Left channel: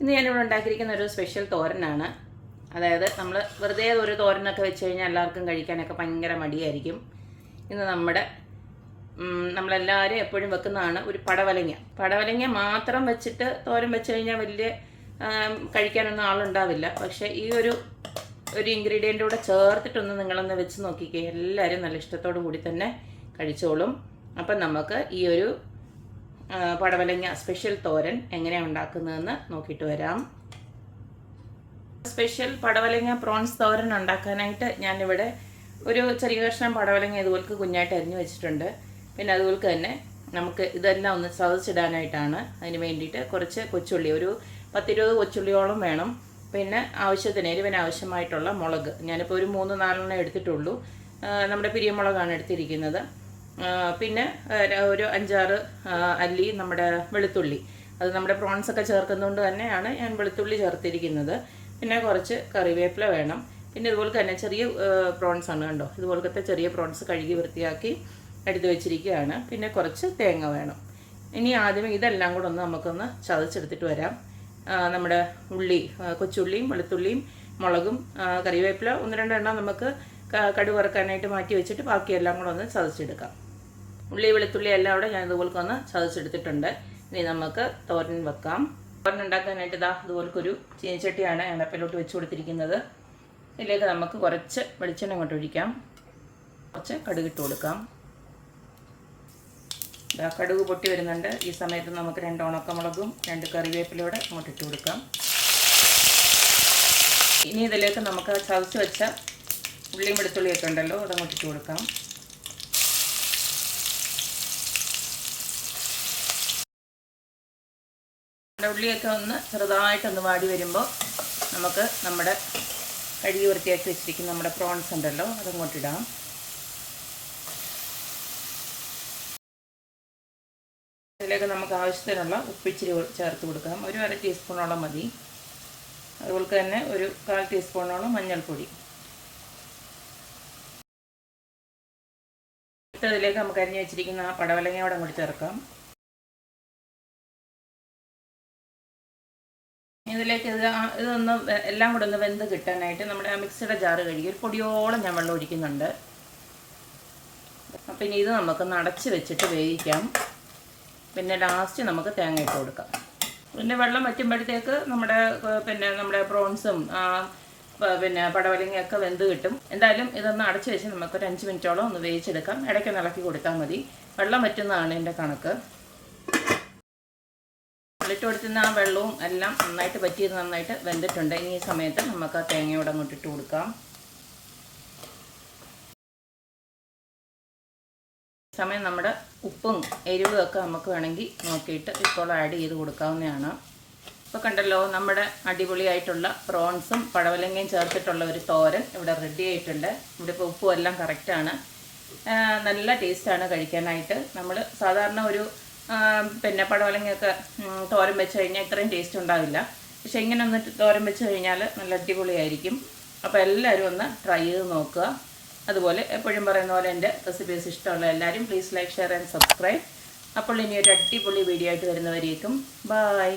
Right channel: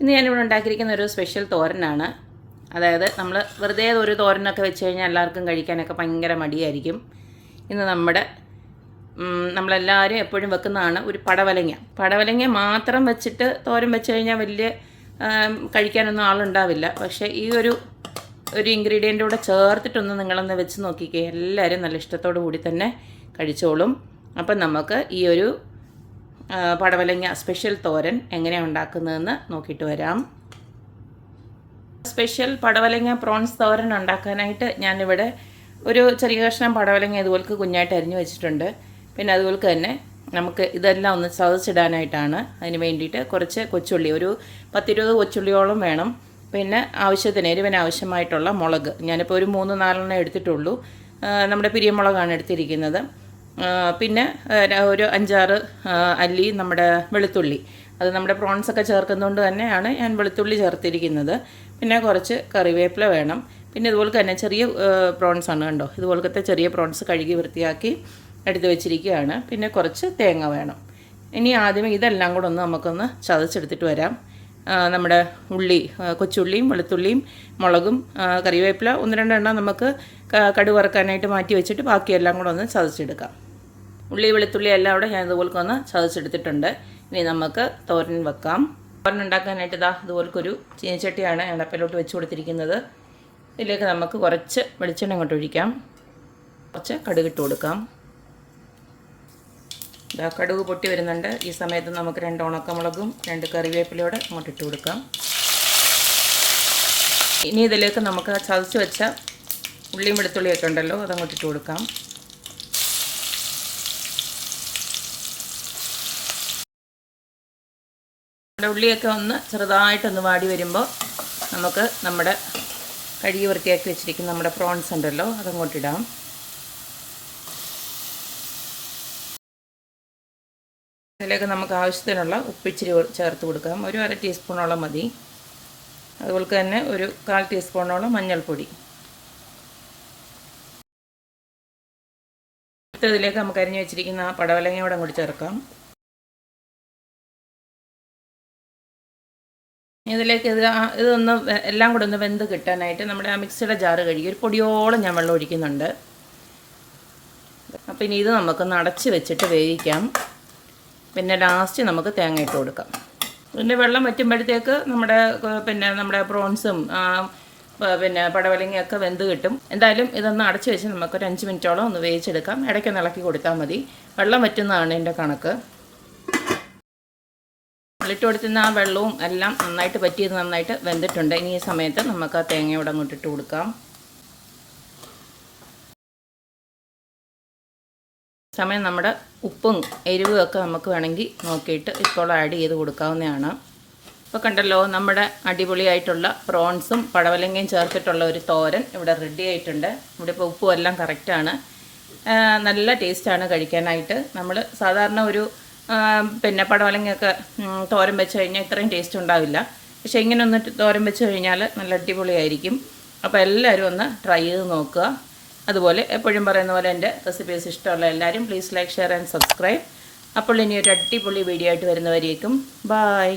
ഇന്ന് ഞാനിവിടെ ഉണ്ടാക്കിയിരിക്കുന്ന ഒരു സ്പെഷ്യൽ തോരനാണ്. അതായത് നമ്മൾ വെറുതെ ഒരു തോരനൊക്കെ വെച്ച് കഴിഞ്ഞാൽ എല്ലാവർക്കും കഴിക്കാനൊക്കെ ഭയങ്കര മടിയായിരിക്കും. ഇന്ന് നമ്മളെല്ലാവരും എപ്പോഴും വെക്കുന്നതാണ് ഒരു പടവലങ്ങ മാത്രം വെച്ചിട്ട് തോരൻ വെച്ച് കഴിഞ്ഞാൽ വലിയ കഴിക്കാനൊന്നും ആളുണ്ടാവില്ല. പക്ഷേ ഈ ഒരു ഇൻഗ്രീഡിയൻ്റ് കൂടെ ചേർത്തിട്ടൊന്ന് നിങ്ങളൊന്ന് വെച്ച് നോക്കിക്കേ, എല്ലാവരും നല്ല ഇഷ്ടത്തോടു കൂടി തന്നെ കഴിച്ചോളും. അപ്പം നമുക്ക് ഈ ഒരു പടവലങ്ങ സ്പെഷ്യൽ തോരൻ എങ്ങനെയാണ് ഉണ്ടാക്കുന്നതെന്ന് നോക്കിയിട്ട് വരാം. സ്പെഷ്യൽ പടവലങ്ങ പ്രോൺസ് തോരൻ ഉണ്ടാക്കാനായിട്ട് ഞാനിവിടെ ഒരു ചെറിയ കഷ്ണം പടവലങ്ങ ഇതുപോലെ കുഞ്ഞായിട്ട് അരിഞ്ഞു വെച്ചിട്ടുണ്ട്. പിന്നെ അതുപോലെ തന്നെ നമുക്ക് ഇതെല്ലാം ഒന്ന് ചതച്ചിടാനായിട്ടാണ്. അതിന് വേണ്ടിയിട്ട് കുറച്ച് കൊച്ചുള്ളി, ഒരു 10-20 കൊച്ചുള്ളിയോളം വേണം. പിന്നെ ആവശ്യത്തിന് എരിവിന് ആവശ്യമായിട്ടുള്ള മുളക്, ഞാനിപ്പോൾ ഒരു 3-4 എടുത്തിട്ടുള്ളൂ. നമ്മുടെ പിരിയമുളകാണ് എടുത്തിരിക്കുന്നത്. പിന്നെ ഒരു 5-6 അല്ലി നമ്മുടെ വെളുത്തുള്ളി, അത് നമ്മുടെ പ്രോൺസൊക്കെ ചേർക്കുന്നതുകൊണ്ട് തന്നെയാണ് ഞാൻ വെളുത്തുള്ളി ചേർത്തിരിക്കുന്നത്. പിന്നെ കുറച്ച് കറിവേപ്പില വേണം. പിന്നെ ഇതുപോലെ തന്നെ ചെറിയ പ്രോൺസാണ്, കണ്ടോ, ഇതുപോലത്തെ ചെറിയ പ്രോൺസ് കഴുകി വൃത്തിയാക്കി എടുത്ത് വെച്ചിരിക്കുകയാണ്. പിന്നെ കുറച്ച് തേങ്ങ വേണം. ഇനി ആദ്യമേ ഇതെല്ലാം കൂടെ നമുക്കൊന്ന് ചതച്ചെടുത്തിട്ട് വരാം. നമ്മുടെ കൊച്ചുള്ളിയും വെളുത്തുള്ളിയും മുളകും കറിവേപ്പില 1-2 എണ്ണം നമുക്ക് കടുക് വറുക്കാനായിട്ട് മാറ്റി വെച്ചിട്ട് ബാക്കിയെല്ലാം കൂടെ ഒന്ന് ചതച്ചെടുക്കാം. ഉള്ളി വെളുത്തുള്ളി എല്ലാം കൂടെ ഞാൻ ഇതുപോലൊക്കെ ഒന്ന് ചതച്ചെടുത്തിട്ടുണ്ട്. ഇനി നമുക്ക് തോരൻ വെക്കാം. തോരൻ ഉണ്ടാക്കാനായിട്ട് ഇതുപോലൊരു ചീനച്ചട്ടിയാണ് എണ്ണപ്പയിലോട്ട് വെച്ച് കൊടുത്തിരിക്കുന്നത്. ഇതിലേക്ക് നമുക്ക് കുറച്ച് വെളിച്ചെണ്ണ ഇങ്ങോട്ട് ഒഴിക്കാം. കുറച്ച് കടുക് ഇട്ട് കൊടുക്കാം. കടുക് പൊട്ടി വരുന്നുണ്ട്. ഈ സമയത്ത് നമുക്ക് 2 ഉണക്കമുളകും 2 കറിവേപ്പിലയോടെ ഇങ്ങോട്ട് ഇട്ട് കൊടുക്കാം. ഇനി ഇതിലേക്ക് നമുക്ക് ചതച്ച് വെച്ച ഉള്ളിയും വെളുത്തുള്ളിയൊക്കെ ഉണ്ടല്ലോ, അതങ്ങോട്ട് ഇട്ട് കൊടുക്കാം. ഉള്ളിയൊക്കെ ഒന്ന് ചെറുതായിട്ടൊന്ന് വാടി വരുമ്പോൾ നമുക്ക് നമ്മുടെ കഴുകി വൃത്തിയാക്കി വെച്ചിരിക്കുന്ന നമ്മുടെ പ്രോൺസ് ഉണ്ടല്ലോ, അതങ്ങോട്ടിടാം. അതിലേക്ക് നമുക്ക് ആവശ്യത്തിനുള്ള ഉപ്പിച്ചിരി ചേർത്ത് കൊടുക്കാം. ഒരു 1/2 ടീസ്പൂണോളം മതി. അതുപോലെ തന്നെ ഒരു 1/4 ടീസ്പൂണോളം മഞ്ഞൾപ്പൊടി. ഇതിലേക്ക് നമുക്ക് അരിഞ്ഞു വെച്ചിരിക്കുന്ന പടവലങ്ങയോടെ അങ്ങോട്ട് ചേർക്കാം. ഇതിലേക്ക് ഇതൊന്ന് എല്ലാം കൂടെ ഒന്ന് വെന്ത് കിട്ടാനായിട്ട് നമ്മുടെ മിക്സിയുടെ ജാറ് കഴുകി ഒരു പൊടിയോളം ഞാൻ വെള്ളം ഒഴിക്കുന്നുണ്ട്. അപ്പം ഇനി ഇത് നമുക്കൊന്ന് അടച്ച് വെച്ചിട്ട് വേവിക്കാം. പിന്നെ ലാസ്റ്റ് നമുക്ക് തേങ്ങ ഇട്ട് കൊടുക്കാം. ഇതിൻ്റെ വെള്ളം വറ്റുമ്പോഴത്തേക്ക് നമ്മുടെ പ്രോൺസും പിന്നെ പടവലങ്ങയൊക്കെ വെന്ത് കിട്ടും. എന്തായാലും ഇതൊന്ന് അടച്ച് വെച്ച് നമുക്കൊരു 5 മിനിറ്റോളം ഒന്ന് വേവിച്ചെടുക്കാം. ഇടയ്ക്കൊന്ന് ഇളക്കി കൊടുത്താൽ മതി. വെള്ളം വറ്റുന്നതാണ് എൻ്റെ കണക്ക്. ഇട്ട് കൊടുത്തുന്ന ആ വെള്ളവും എല്ലാം നന്നായിട്ട് പറ്റിയത് നന്നായിട്ട് വെന്തിട്ടുണ്ട്. ഇനി ഈ സമയത്ത് നമുക്ക് ആ തേങ്ങയോടെ അങ്ങോട്ട് ഇട്ട് കൊടുക്കാം. സമയം നമ്മുടെ ഉപ്പും എരിവും ഒക്കെ നമുക്ക് വേണമെങ്കിൽ നോക്കിയിട്ട് ഇപ്പോൾ ആഡ് ചെയ്ത് കൊടുക്കാവുന്നതാണ്. ഇപ്പോൾ കണ്ടല്ലോ, നമ്മുടെ അടിപൊളിയായിട്ടുള്ള പ്രോൺസും പടവലങ്ങയും ചേർത്തിട്ടുള്ള ഒരു തോരൻ ഇവിടെ റെഡി ആയിട്ടുണ്ട്. ഇവിടെ ഇപ്പോൾ ഉപ്പും എല്ലാം കറക്റ്റാണ്. നല്ല ടേസ്റ്റാണ് കഴിക്കാനായിട്ട്. നമ്മൾ സാധാരണ ഒരു പടവലങ്ങയൊക്കെ തോരൻ വെച്ച് കഴിഞ്ഞാൽ ഇത്രയും ടേസ്റ്റ് ഉണ്ടാവില്ല. പക്ഷേ ഇങ്ങനെ ഒന്ന് തോരൻ വെച്ച് കഴിഞ്ഞാൽ നല്ല അടിപൊളിയായിരിക്കും. അപ്പോൾ എല്ലാവരും ഒന്ന് ട്രൈ ചെയ്ത് നോക്കുക. അതുപോലെ എപ്പോഴും പറയുന്ന പോലെ എൻ്റെ റെസിപ്പീസ് ഇഷ്ടമുള്ള എല്ലാവരും please like, share and subscribe. അപ്പോൾ ഇനി ഒരു അടിപൊളി വീഡിയോ ആയിട്ട് വരുന്നവരേക്കും ബൈ.